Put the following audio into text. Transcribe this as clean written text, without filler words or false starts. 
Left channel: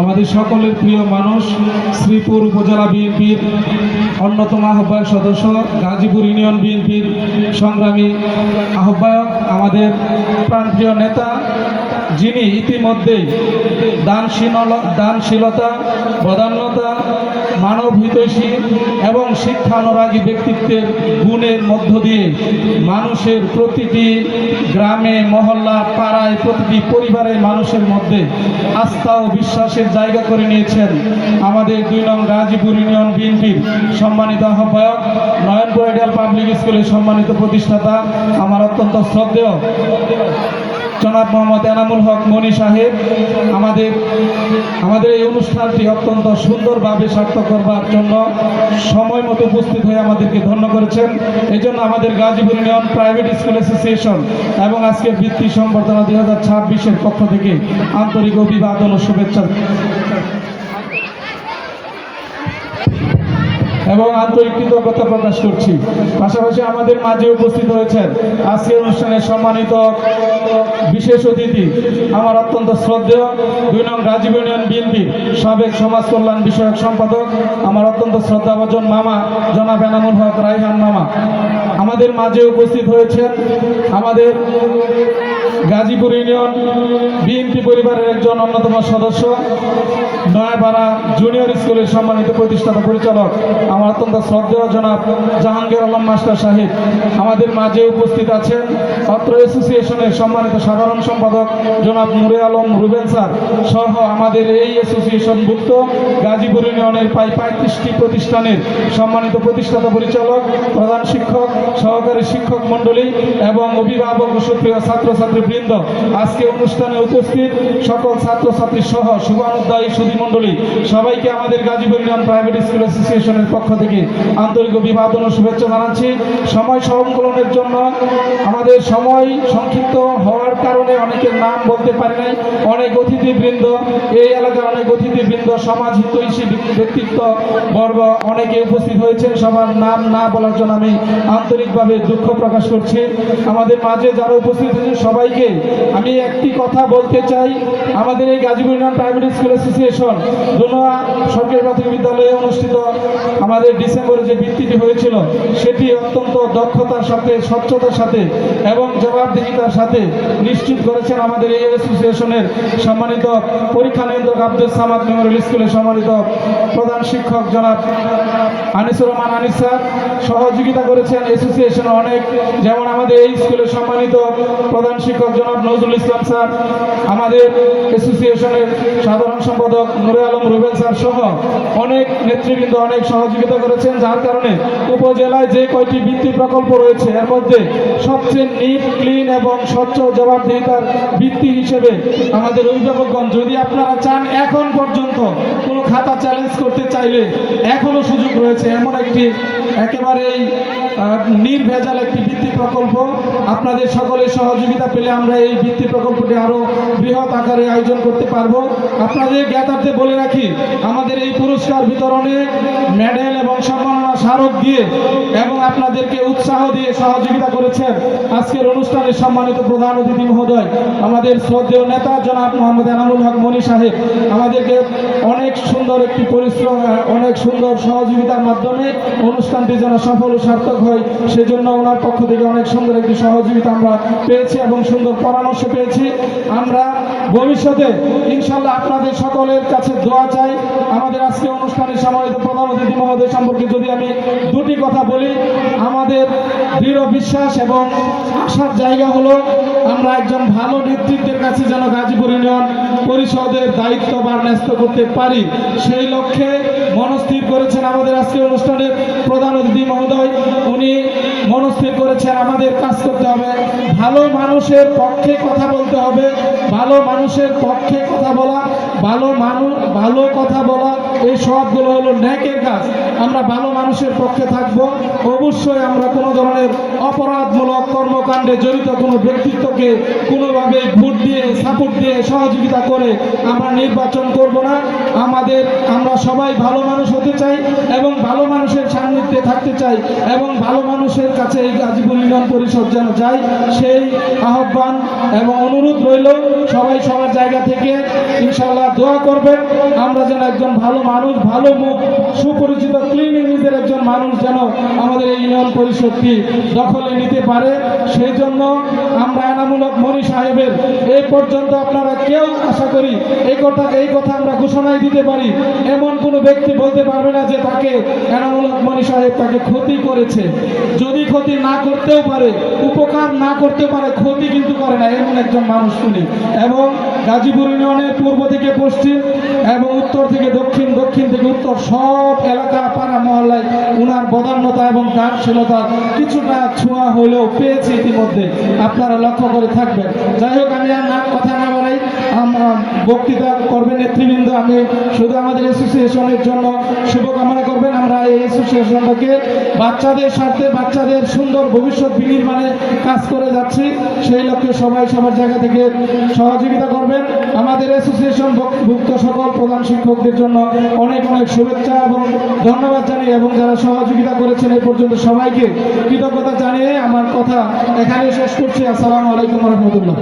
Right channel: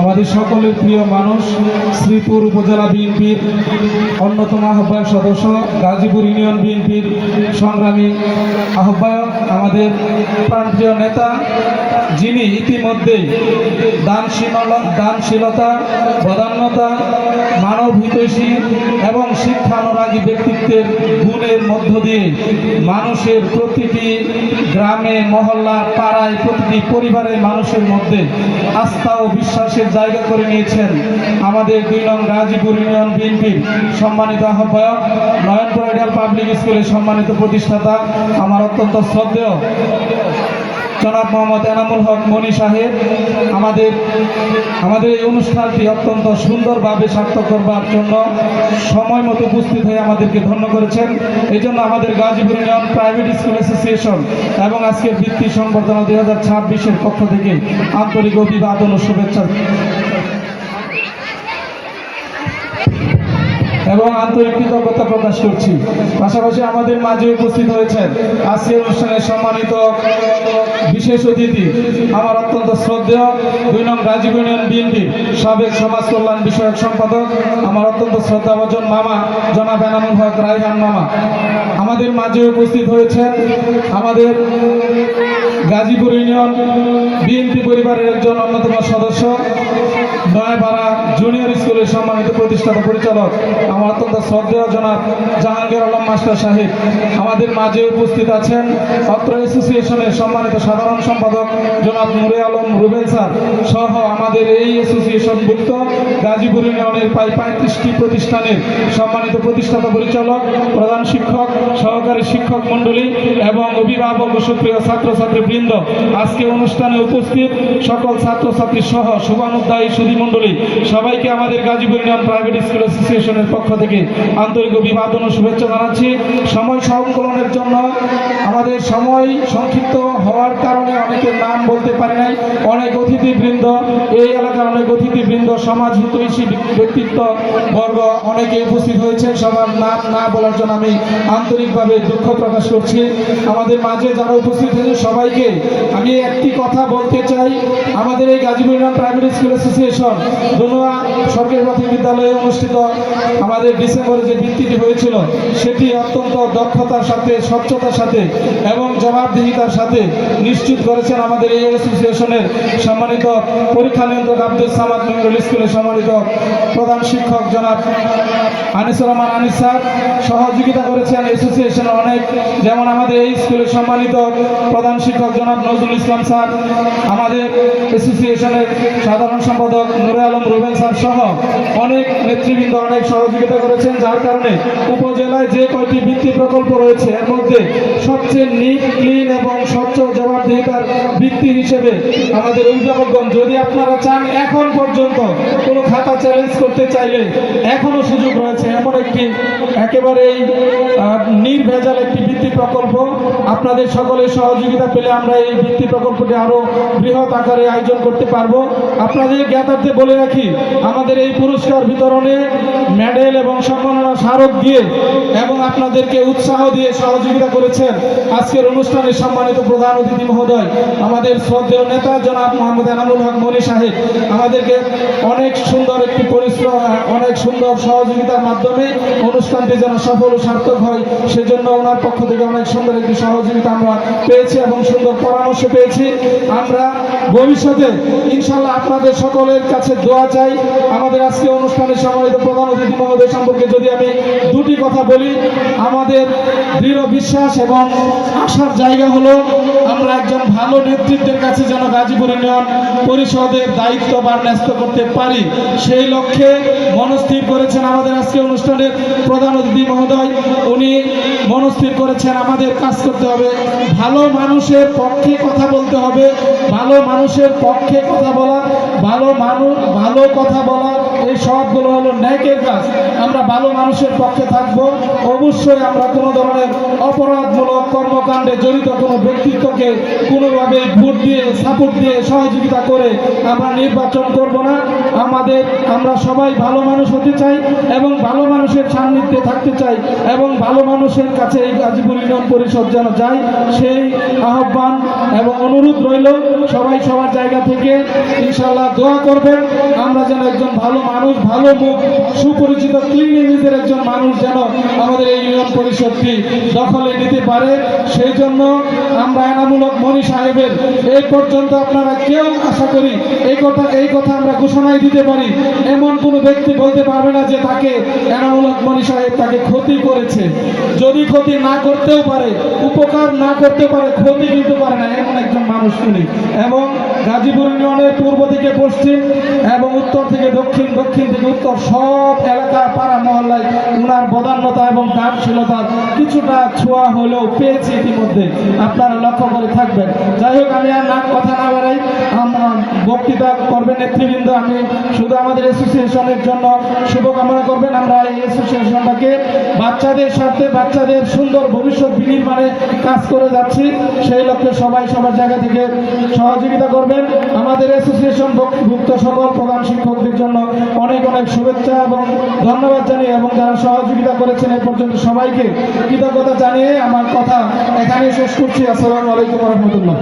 আমাদের সকলের প্রিয় মানুষ, শ্রীপুর উপজেলা বিএনপির অন্যতম আহ্বায়ক সদস্য, গাজীপুর ইউনিয়ন বিএনপির সংগ্রামী আহ্বায়ক, আমাদের প্রাণপ্রিয় নেতা, যিনি ইতিমধ্যেই দানশীলতা, বদান্যতা, মানব হিতৈষী এবং শিক্ষানুরাগী ব্যক্তিত্বের গুণের মধ্য দিয়ে মানুষের প্রতিটি গ্রামে, মহল্লা, পাড়ায়, প্রতিটি পরিবারের মানুষের মধ্যে আস্থা ও বিশ্বাসের জায়গা করে নিয়েছেন আমাদের ২ নং গাজীপুর ইউনিয়ন বিএনপির সম্মানিত আহ্বায়ক, নয়নপুর আইডিয়াল পাবলিক স্কুলের সম্মানিত প্রতিষ্ঠাতা, আমার অত্যন্ত শ্রদ্ধেয় জনাব মোহাম্মদ এনামুল হক মনি সাহেব। আমাদের এই অনুষ্ঠানটি অত্যন্ত সুন্দরভাবে সার্থক করবার জন্য সময় মতো উপস্থিত হয়ে আমাদেরকে ধন্য করেছেন। এই জন্য আমাদের Gazipur union private school association এবং আজকের বৃত্তি সংবর্ধনা 2026-এর পক্ষ থেকে আন্তরিক অভিবাদন ও শুভেচ্ছা এবং আন্তরিক কৃতজ্ঞতা প্রকাশ করছি। পাশাপাশি আমাদের মাঝে উপস্থিত হয়েছেন আজকের অনুষ্ঠানের সম্মানিত বিশেষ অতিথি, আমার অত্যন্ত শ্রদ্ধেয় ২ নং গাজীপুর ইউনিয়ন বিএনপির সাবেক সমাজ কল্যাণ বিষয়ক সম্পাদক, আমার অত্যন্ত শ্রদ্ধাভাজন মামা জনাব এনামুল হক রায়হান মামা। আমাদের মাঝে উপস্থিত হয়েছেন আমাদের গাজীপুর ইউনিয়ন বিএনপি পরিবারের একজন অন্যতম সদস্য, নয়াপাড়া জুনিয়র স্কুলের সম্মানিত প্রতিষ্ঠাতা পরিচালক, আমার অত্যন্ত শ্রদ্ধেয় জনাব জাহাঙ্গীর আলম মাস্টার সাহেব। আমাদের মাঝে উপস্থিত আছেন অত্র অ্যাসোসিয়েশনের সম্মানিত সাধারণ সম্পাদক জনাব নুরে আলম রুবেল স্যার সহ আমাদের এই অ্যাসোসিয়েশনভুক্ত গাজীপুর ইউনিয়নের প্রায় 35টি প্রতিষ্ঠানের সম্মানিত প্রতিষ্ঠাতা পরিচালক, প্রধান শিক্ষক, সহকারী শিক্ষক মণ্ডলী এবং অভিভাবক ও সুপ্রিয় ছাত্রছাত্রীবৃন্দ, আজকে অনুষ্ঠানে উপস্থিত সকল ছাত্রছাত্রী সহ শুভানুধ্যায়ী সুধী মণ্ডলী, সবাইকে আমাদের গাজীপুর ইউনিয়ন প্রাইভেট স্কুল অ্যাসোসিয়েশনের পক্ষ থেকে আন্তরিক অভিবাদন ও শুভেচ্ছা জানাচ্ছি। সময় সংকলনের জন্য আমাদের সময় সংক্ষিপ্ত হওয়ার কারণে অনেকের নাম বলতে পারি নাই। অনেক অতিথিবৃন্দ, এই এলাকার অনেক অতিথিবৃন্দ, সমাজ হিতৈষী ব্যক্তিত্ব বর্গ অনেকে উপস্থিত হয়েছেন। সবার নাম না বলার জন্য আমি আন্তরিকভাবে দুঃখ প্রকাশ করছি। আমাদের মাঝে যারা উপস্থিত হয়েছেন সবাইকে আমি একটি কথা বলতে চাই। আমাদের এই Gazipur union private school association Donoa সরকারি প্রাথমিক বিদ্যালয়ে অনুষ্ঠিত আমাদের ডিসেম্বরে যে বৃত্তিটি হয়েছিল, সেটি অত্যন্ত দক্ষতার সাথে, স্বচ্ছতার সাথে এবং জবাবদিহিতার সাথে নিশ্চিত করেছেন আমাদের এই অ্যাসোসিয়েশনের সম্মানিত পরীক্ষা নিয়ন্ত্রক আব্দুল সামাদ মেমোরিয়াল স্কুলের সম্মানিত প্রধান শিক্ষক জনাব আনিসুর রহমান আনিস স্যার। সহযোগিতা করেছেন অ্যাসোসিয়েশনের অনেক, যেমন আমাদের এই স্কুলের সম্মানিত প্রধান শিক্ষক জনাব নজরুল ইসলাম স্যার, আমাদের অ্যাসোসিয়েশনের সাধারণ সম্পাদক নুরে আলম রুবেল স্যার সহ অনেক নেতৃবৃন্দ অনেক সহযোগিতা করেছেন, যার কারণে উপজেলায় যে কয়টি বৃত্তি প্রকল্প রয়েছে এর মধ্যে সবচেয়ে নিট, ক্লিন এবং স্বচ্ছ জবাবদিহিতার বৃত্তি হিসেবে আমাদের অভিভাবকগণ, যদি আপনারা চান এখন পর্যন্ত কোনো খাতা চ্যালেঞ্জ করতে চাইলে এখনো সুযোগ রয়েছে। এমন একটি একেবারেই নির্ভেজাল একটি বৃত্তি প্রকল্প, আপনাদের সকলের সহযোগিতা পেলে আমরা এই বৃত্তি প্রকল্পটি আরো বৃহৎ আকারে আয়োজন করতে পারবো। আপনাদের জ্ঞাতার্থে বলে রাখি, আমাদের এই পুরস্কার বিতরণে মেডেল এবং সম্মাননা স্মারক দিয়ে এবং আপনাদেরকে উৎসাহ দিয়ে সহযোগিতা করেছেন আজকের অনুষ্ঠানে সম্মানিত প্রধান অতিথি মহোদয়, আমাদের শ্রদ্ধেয় নেতা জনাব মোহাম্মদ এনামুল হক মনি সাহেব। আমাদেরকে অনেক সুন্দর একটি পরিশ্রম, অনেক সুন্দর সহযোগিতার মাধ্যমে অনুষ্ঠানটি যেন সফল ও সার্থক হয়, সেজন্য ওনার পক্ষ থেকে অনেক সুন্দর একটি সহযোগিতা আমরা পেয়েছি এবং সুন্দর পরামর্শ পেয়েছি। আমরা ভবিষ্যতে ইনশাল্লাহ আপনাদের সকলের কাছে দোয়া চাই। আমাদের আজকে অনুষ্ঠানের সম্মানিত প্রধান অতিথি মহোদয় সম্পর্কে যদি আমি দুটি কথা বলি, আমাদের দৃঢ় বিশ্বাস এবং আশার জায়গা হলো আমরা একজন ভালো নেতৃত্বের কাছে যেন গাজীপুর ইউনিয়ন পরিষদের দায়িত্ব বা ন্যস্ত করতে পারি, সেই লক্ষ্যে মনস্থির করেছেন আমাদের আজকে অনুষ্ঠানের প্রধান অতিথি মহোদয়। উনি মনস্থির করেছেন আমাদের কাজ করতে হবে, ভালো মানুষের পক্ষে কথা বলতে হবে, ভালো মানুষের পক্ষে কথা বলা, ভালো কথা বলা, এই সবগুলো হলো ন্যাকের কাজ। আমরা ভালো মানুষের পক্ষে থাকব। অবশ্যই আমরা কোনো ধরনের অপরাধমূলক কর্মকাণ্ডে জড়িত কোনো ব্যক্তিত্বকে কোনোভাবে ভোট দিয়ে, সাপোর্ট দিয়ে, সহযোগিতা করে আমরা নির্বাচন করব না। আমরা সবাই ভালো মানুষ হতে চাই এবং ভালো মানুষের সান্নিধ্যে থাকতে চাই এবং ভালো মানুষের কাছে এই গাজীপুর ইউনিয়ন পরিষদ যেন যায়, সেই আহ্বান এবং অনুরোধ রইল সবাই সবার জায়গা থেকে ইনশাআল্লাহ দোয়া করবেন, আমরা যেন একজন ভালো মানুষ, ভালো মুখ, সুপরিচিত ক্লিন ইমেজের একজন মানুষ যেন আমাদের এই ইউনিয়ন পরিষদটি দখলে নিতে পারে। সেই জন্য আমরা এনামূলক মনি সাহেবের এই পর্যন্ত আপনারা কেউ আশা করি এই কথা আমরা ঘোষণায় দিতে পারি, এমন কোনো ব্যক্তি বলতে পারবে না যে তাকে এনামূলক মনি সাহেব তাকে ক্ষতি করেছে। যদি ক্ষতি না করতেও পারে, উপকার না করতে পারে, ক্ষতি কিন্তু করে না, এমন একজন মানুষ উনি। এবং গাজীপুর ইউনিয়নের পূর্ব থেকে পশ্চিম এবং উত্তর থেকে দক্ষিণ, দক্ষিণ থেকে উত্তর সব এলাকা পাড়া মহল্লায় উনার বদান্যতা এবং দানশীলতার কিছুটা ছোঁয়া হলেও পেয়েছে ইতিমধ্যে, আপনারা লক্ষ্য করে থাকবেন। যাই হোক, আমি আর কথা না বাড়াই, বক্তৃতা করবেন নেতৃবৃন্দ। আমি শুধু আমাদের অ্যাসোসিয়েশনের জন্য শুভকামনা করবেন। আমরা এই অ্যাসোসিয়েশনটাকে বাচ্চাদের স্বার্থে, বাচ্চাদের সুন্দর ভবিষ্যৎ বিনির্মাণে কাজ করে যাচ্ছি, সেই লক্ষ্যে সবাই সবার জায়গা থেকে সহযোগিতা করবেন। আমাদের অ্যাসোসিয়েশন ভুক্ত সকল প্রধান শিক্ষকদের জন্য অনেক অনেক শুভেচ্ছা এবং ধন্যবাদ জানিয়ে, এবং যারা সহযোগিতা করেছেন এ পর্যন্ত সবাইকে কৃতজ্ঞতা জানিয়ে আমার কথা এখানে শেষ করছি। আসসালামু আলাইকুম ওয়া রাহমাতুল্লাহ।